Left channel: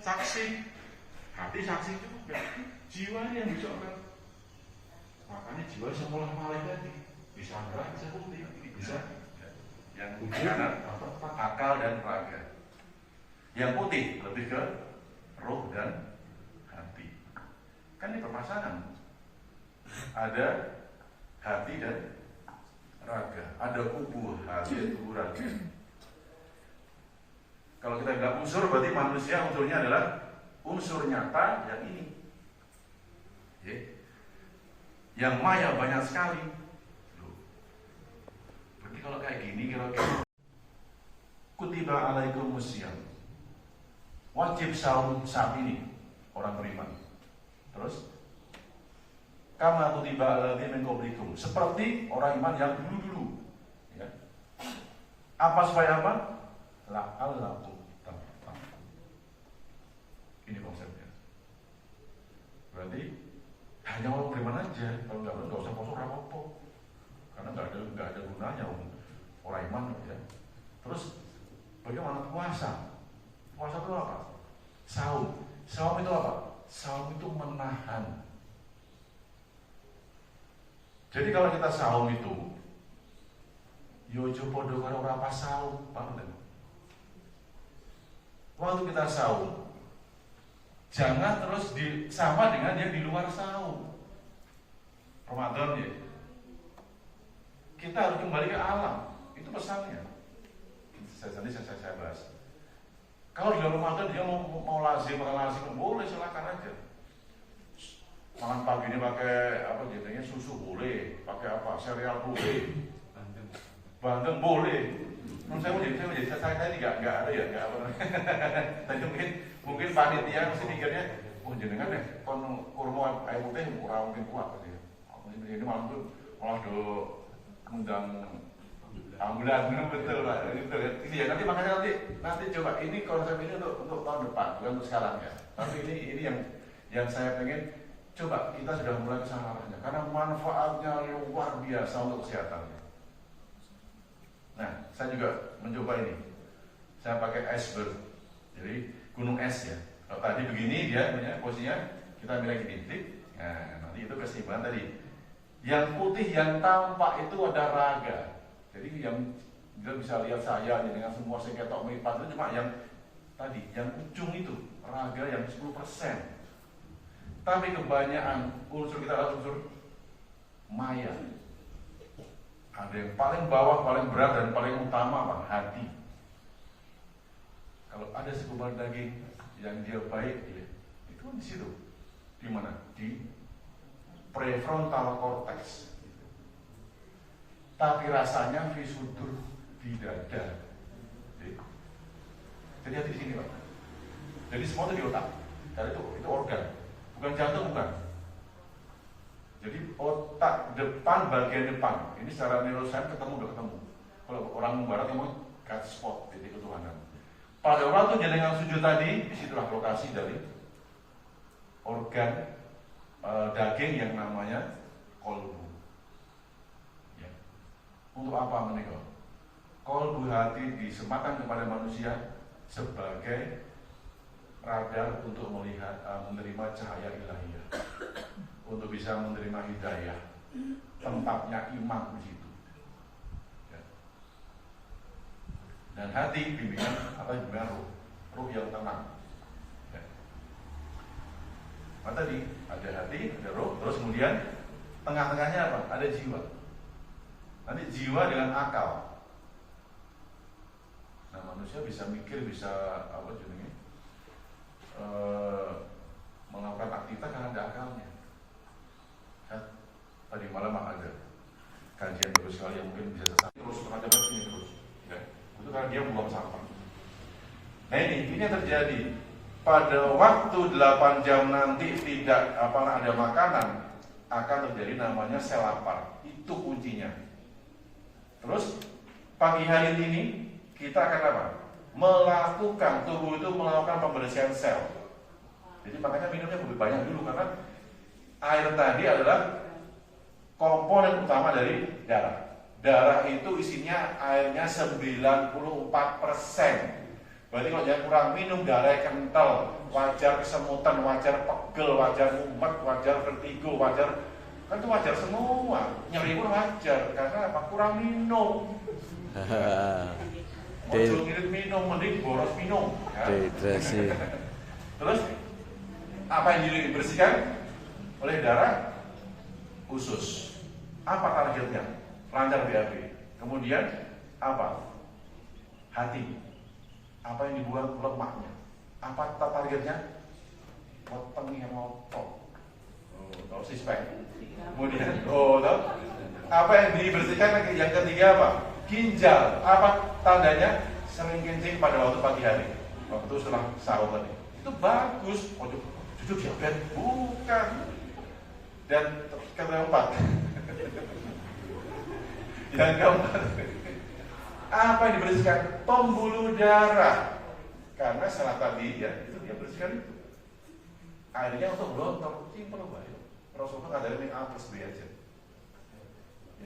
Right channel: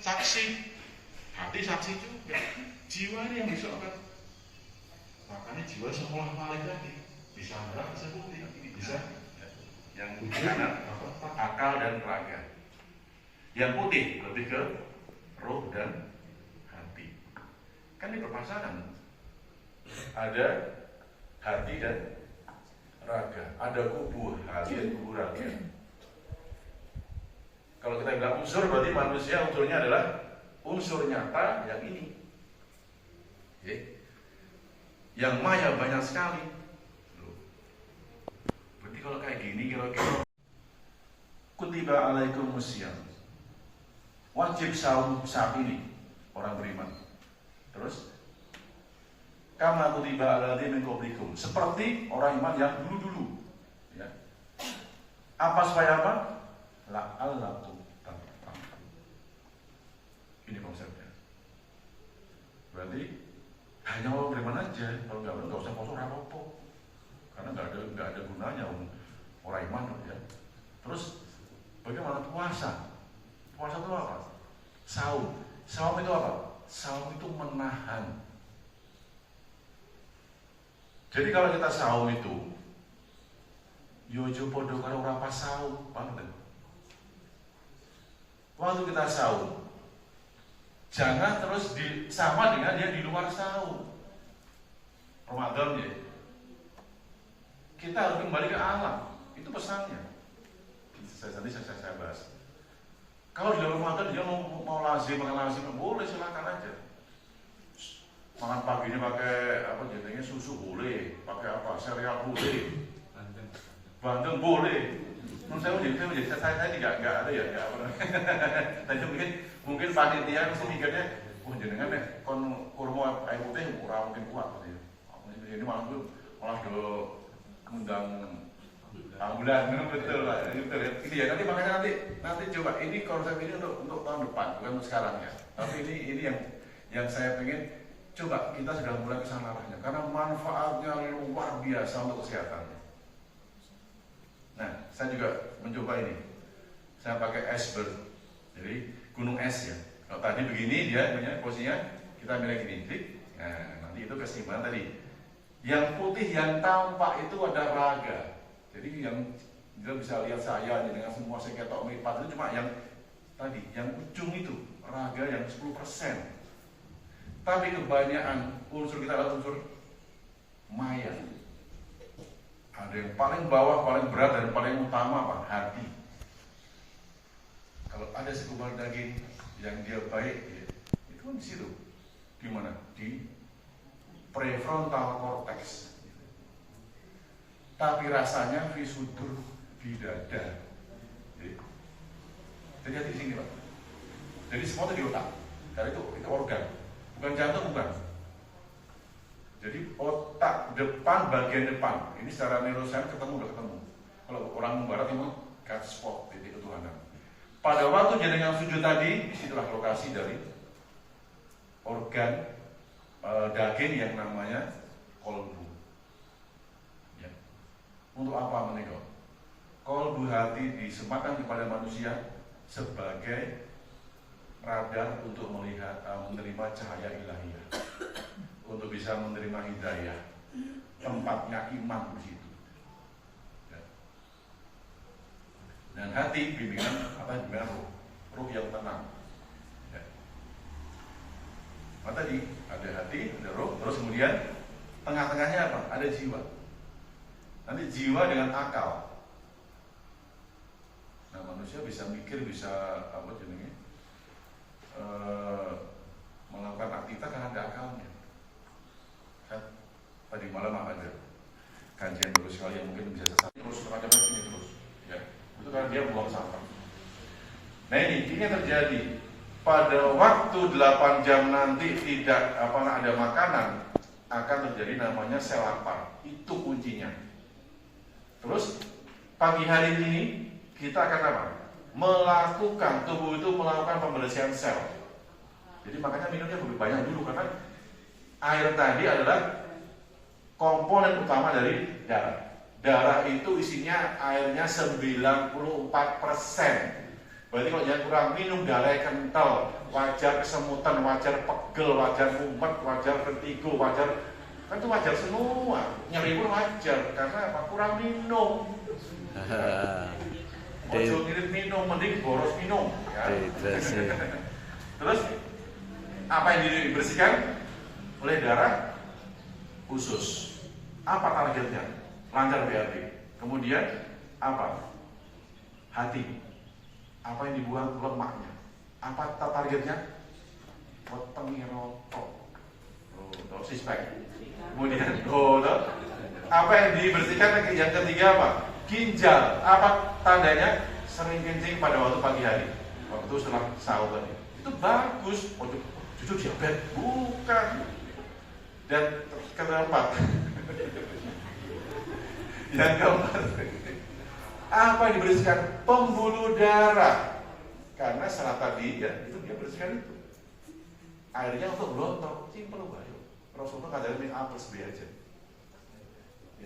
saksi, hati saksi juga, jiwa ini yang disorot. Makanya jiwa sekolah malih tadi bisa merah, bisa putih, bisa yang kanan akal dan raga. Yang putih lebih ke roh dan hati. Kan ini perpasangan. Ada hati dan raga, ada kubu hati dan kubu raga. Kalau kita bilang unsur, berarti manusia unsurnya adalah unsur nyata yang ini. Yang maya banyak sekali. Berarti kalau kayak gini kira-kira kutiba alaikumusiyam, wajib saum saat ini orang beriman. Terus kama kutiba aladzina min qablikum, seperti orang iman yang dulu-dulu. Ya. Apa supaya apa? La'allakum tattaqun. Ini konsepnya. Berarti hanya orang beriman aja. Kalau nggak usah poso apa-apa. Karena nggak ada gunanya orang iman, ya. Terus bagaimana puasa? Puasa itu apa? Saum. Saum itu apa? Saum itu menahan. Jadi kalau kita saum itu, yojo podo karo ora pas saum, paham kan? Waktu kita saum, jangan terus sama dengan dia di luar saum. Ramadan ya, kita harus kembali ke alam. Itu pesannya. Tadi saya bahas. Kalau di Ramadan dia mau lazim, makan lazim, boleh, silakan aja. Makan pagi ini pakai apa jadinya susu boleh, pakai apa sereal boleh, bandeng boleh. Menurut saya tidak ada ya, nggak apa namanya. Tadi mungkin panitia mesti mikirnya, jenengan ya, kon kurma air putih kurang mungkin kuat gitu ya. Ini malah do undang ambulan, betul lah. Ini ya nanti coba ini konsep ini untuk tahun depan, bukan untuk sekarang ya. Tapi ini yang saya pengen. Coba kita sudah mulai kesana arahnya, karena manfaatnya luar biasa untuk kesehatannya. Nah, saya juga mencoba ini. Saya pakai iceberg, jadi gunung es ya. Kalau tadi begini dia punya posisinya, kita milih gini. Nah, nanti itu keseimbangan tadi. Yang putih yang tampak itu ada raga. Jadi yang dia bisa lihat saya dengan semua seketok melipat itu cuma yang tadi, yang ujung itu raga yang 10%. Tapi kebanyakan unsur kita adalah unsur maya. Ada yang paling bawah, paling berat, dan paling utama apa? Hati. Kalau ada segumpal daging yang dia baik, ya, itu di situ. Di mana? Di prefrontal cortex. Tapi rasanya di sudur, di dada. Jadi di sini, Pak. Jadi semua itu di otak. Karena itu organ. Bukan jantung, bukan. Jadi otak depan, bagian depan. Ini secara neuroscience udah ketemu. Kalau orang barat memang cat spot, titik ketuhanan. Pada waktu jenengan sujud tadi, itulah lokasi dari organ daging yang namanya kolbu. Ya. Untuk apa menikah? Kolbu hati disematkan kepada manusia sebagai radar untuk melihat, menerima cahaya ilahiyah, untuk bisa menerima hidayah. Tempatnya iman di situ. Ya. Dan hati bimbingan bimbingan ruh yang tenang. Ya. Nah, tadi ada hati, ada ruh, terus kemudian tengah-tengahnya apa? Ada jiwa. Nanti jiwa dengan akal. Nah, manusia bisa mikir, bisa apa jenisnya? Melakukan aktivitas karena ada akalnya. Kan? Tadi malam ada kajian bagus sekali yang mungkin bisa terus kepada ini terus, ya. Itu karena dia buang sampah. Nah ini yang terjadi pada waktu 8 jam nanti tidak ada makanan, akan terjadi namanya sel lapar. Itu kuncinya. Terus pagi hari ini kita akan apa? Melakukan, tubuh itu melakukan pembersihan sel. Jadi makanya minumnya lebih banyak dulu, karena air tadi adalah komponen utama dari darah. Darah itu isinya airnya 94%. Berarti kalau dia kurang minum, darah kental, wajar kesemutan, wajar pegel, wajar mumet, wajar vertigo, wajar, kan itu wajar semua. Nyeri pun wajar karena apa? Kurang minum. Ojo ngirit minum, mending boros minum. Ya. Terus apa yang dibersihkan oleh darah? Usus. Apa targetnya? Lancar BAB. Kemudian apa? Hati. Apa yang dibuang? Lemaknya. Apa targetnya? Wetenge roto. Oh, sispek. Kemudian apa yang dibersihkan? Yang ketiga apa? Ginjal. Apa tandanya? Sering kencing pada waktu pagi hari, waktu setelah sahur tadi. Itu bagus. Itu diabetes bukan. Dan keempat, yang keempat, apa yang dibersihkan? Pembuluh darah. Karena salah tadi ya, itu dia bersihkan itu. Akhirnya untuk gontok, simpel banget. Rasulullah nggak ada yang apes dia aja.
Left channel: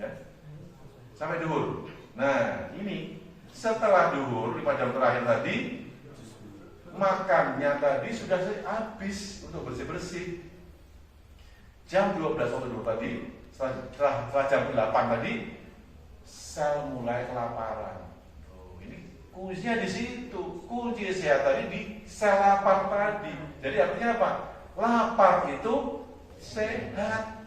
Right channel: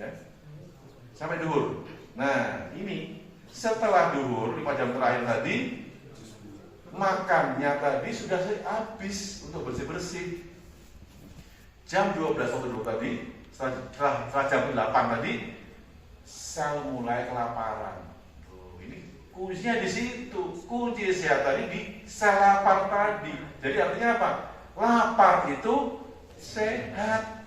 Ya, sampai duhur. Nah, ini setelah duhur 5 jam terakhir tadi, makannya tadi sudah habis untuk bersih-bersih. Jam 12 waktu dulu tadi, setelah jam 8 tadi, sel mulai kelaparan. Ini kuncinya di situ. Kunci sehat tadi di sel lapar tadi. Jadi artinya apa? Lapar itu sehat.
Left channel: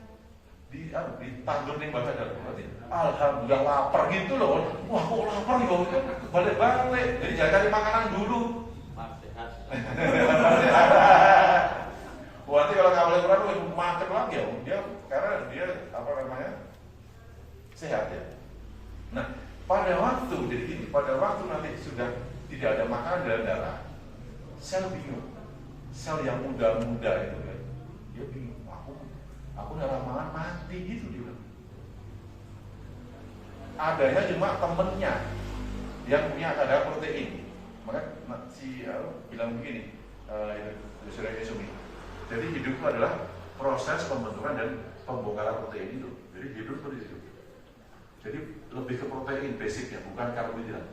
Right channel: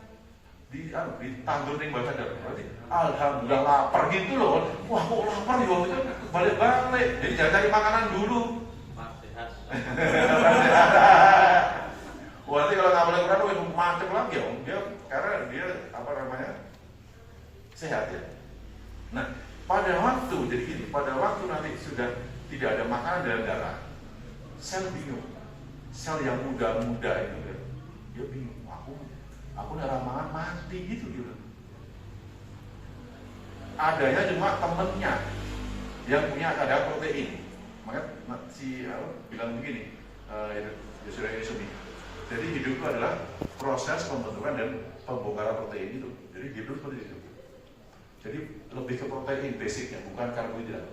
Ditandur nih bahasa Jawa. Berarti alhamdulillah lapar gitu loh. Wah kok lapar ya? Balik-balik. Jadi jangan cari makanan dulu. Sehat. Berarti kalau nggak boleh kurang macam lagi ya. Dia karena dia apa namanya sehat ya. Nah pada waktu jadi gini, pada waktu nanti sudah tidak ada makanan dalam darah, sel bingung. Sel yang muda-muda itu kan, dia bingung. Aku darah makan mati gitu dia. Adanya cuma temennya yang punya kadar protein. Maka si bilang begini, sudah Yesumi. Jadi hidup itu adalah proses pembentukan dan pembongkaran protein itu. Jadi hidup seperti itu. Jadi lebih ke protein basicnya, bukan karbohidrat.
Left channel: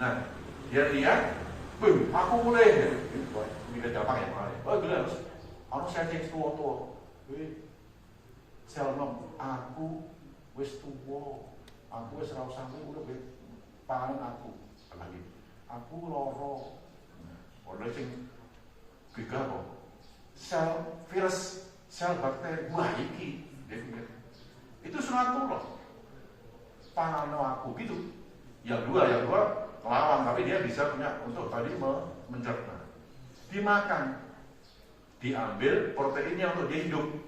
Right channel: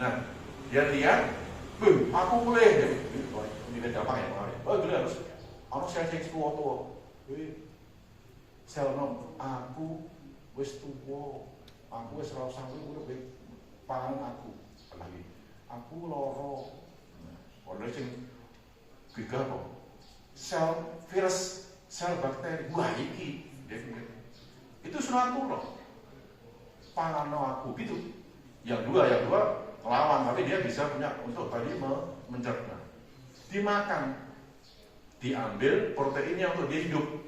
Nah, dia lihat, aku mulai. Ini kan gampang ya makanya. Gila harus saya cek tua. Sel nom, aku wis tuwa, aku wis ora usah urip pangan aku lagi. Aku loro. Ono sing gigah kok. Sel virus, sel bakteri, wah iki. Itu sunatullah. Pangan aku gitu. Yang dua ngelawan, tapi dia bisa punya untuk tadi mencerna. Dimakan, diambil proteinnya untuk dia hidup.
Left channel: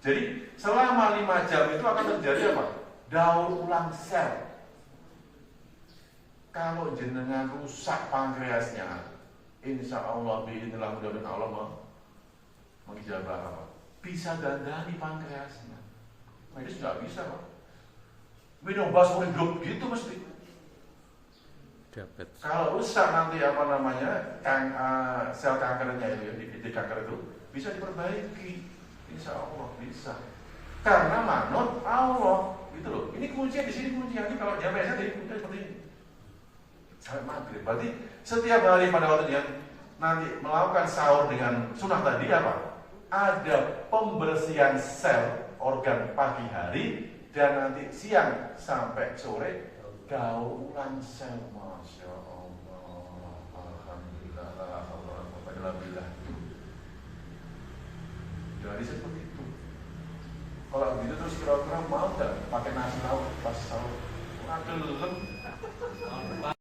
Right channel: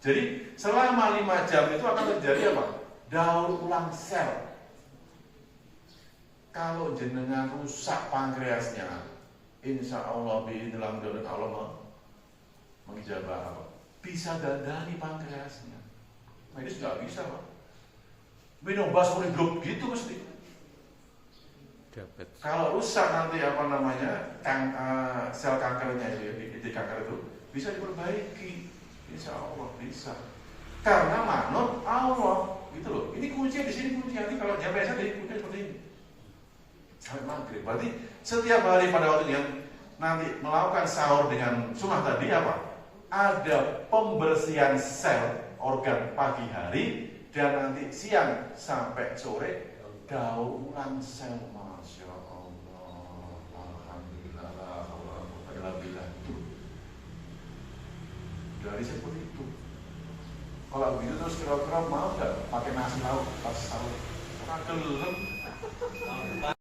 Jadi selama 5 jam itu akan terjadi apa? Daur ulang sel. Kalau jenengan rusak pankreasnya, insya Allah biinilah mudah-mudahan Allah mengijabah apa? Bisa dandani pankreasnya. Nah itu nggak bisa Pak. Minum basur hidup gitu mesti. Kalau rusak nanti apa namanya sel kankernya di kanker itu bisa diperbaiki. Insya Allah bisa. Karena manut Allah, gitu loh. Ini kuncinya di sini kunci. Nanti kalau dia biasa jadi kunci seperti ini. Sampai maghrib. Berarti setiap hari pada waktu dia nanti melakukan sahur dengan sunnah tadi apa? Ada pembersihan sel organ pagi hari dan nanti siang sampai sore daur ulang sel. Masya Allah. Alhamdulillah. Alhamdulillah. Jadi seperti itu. Kalau begitu terus kira-kira mau nggak pakai nasi lauk pas sahur? Gelem.